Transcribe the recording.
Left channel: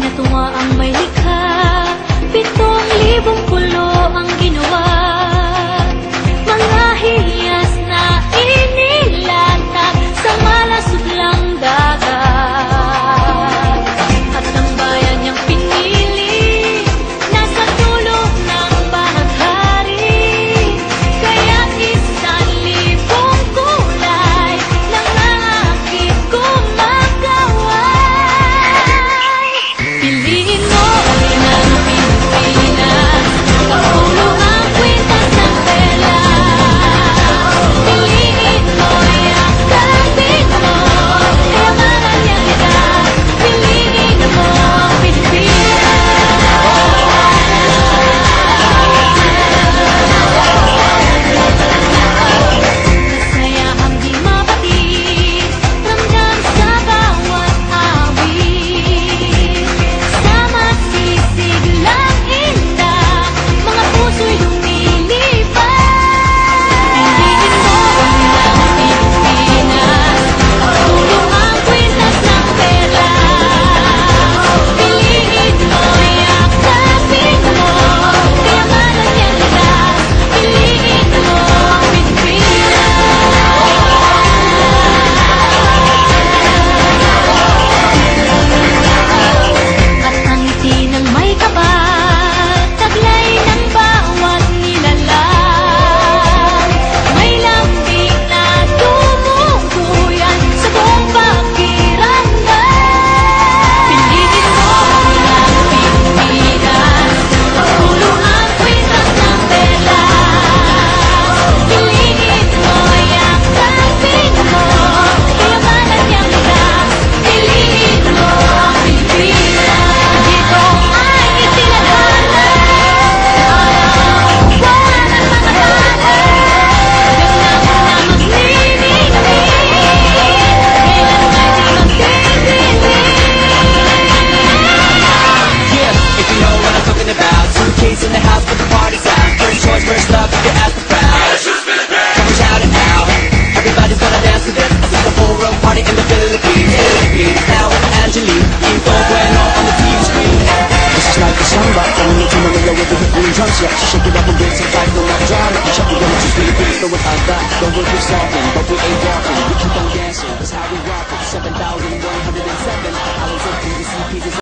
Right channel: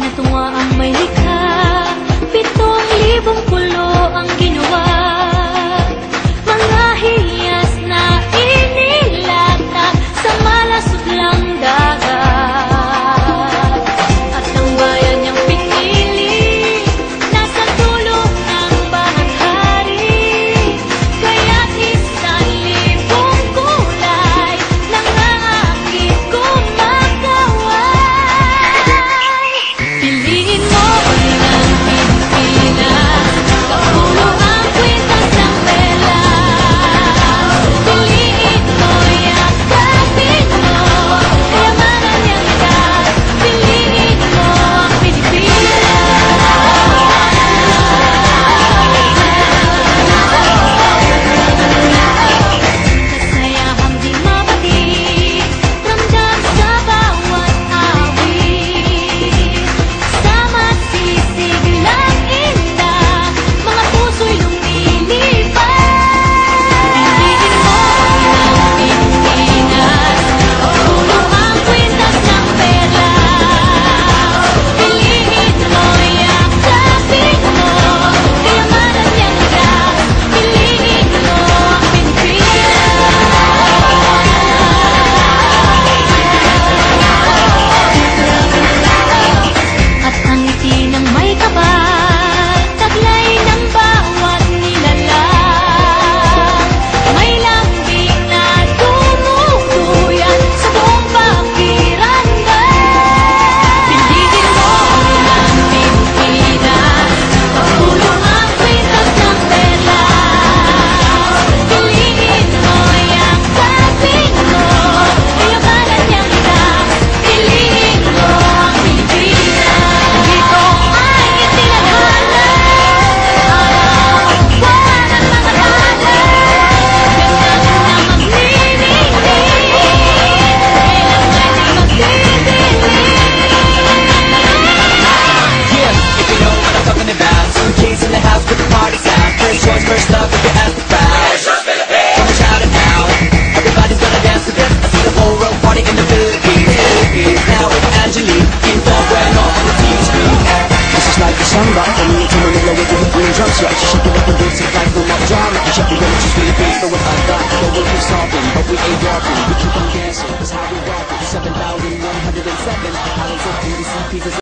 Natuwa ang may likha, 7,000 pulo ang ginawa. Mga hiyas na inilatag sa malasot lang dagat. At ang bayan niyang pinili, nasa dulo ng bahaghari. Kaya't 1,000 kulay nangaakit kumakaway. Piliin mo rin ang Pilipinas, kapulo ang kwintas ng perlas. Piliin mo, yakapin mo, kayamanan niyang likas. Piliin mo ang Pilipinas. Kasayahang di mapatid, ramdam sa bawat awit. Sama silisig lang indak, mga puso'y lumilipad. Piliin mo rin ang Pilipinas, kapulo ang kwintas ng perlas. Piliin mo, yakapin mo, kayamanan niyang likas. Piliin mo ang Pilipinas. At ang ngiti ng may kapal, taglay ng bawat nilalang. May lambing na tumutuyan sa buong pakiramdam. Piliin mo rin ang Pilipinas, kapulo ang kwintas ng perlas. Piliin mo, yakapin mo, kayamanan niyang likas. Piliin mo ang Pilipinas. Dito ay itinadhana, araw, buwan at mga tanan. Ganap na magniningning, kailan ay di magdidilim. Yeah, if you know what I'm talking about. Suitcase in the house, put the party's out. First choice, first love, if you ask the crowd. Come and shout it out. Everybody's gonna dance to this. I see the whole world party in the Philippines. Now it's Angelique, in full bueno on the TV screen. This is like a samba, coming into Manila with the hit and drums. Yeah, she shake it up and dance it like no more drama. And shut the world, she's Philippines, but with that, the world keeps talking, but we ain't walking. We keep on dancing, that's how we rock it. 7,107 islands of PVC pieces.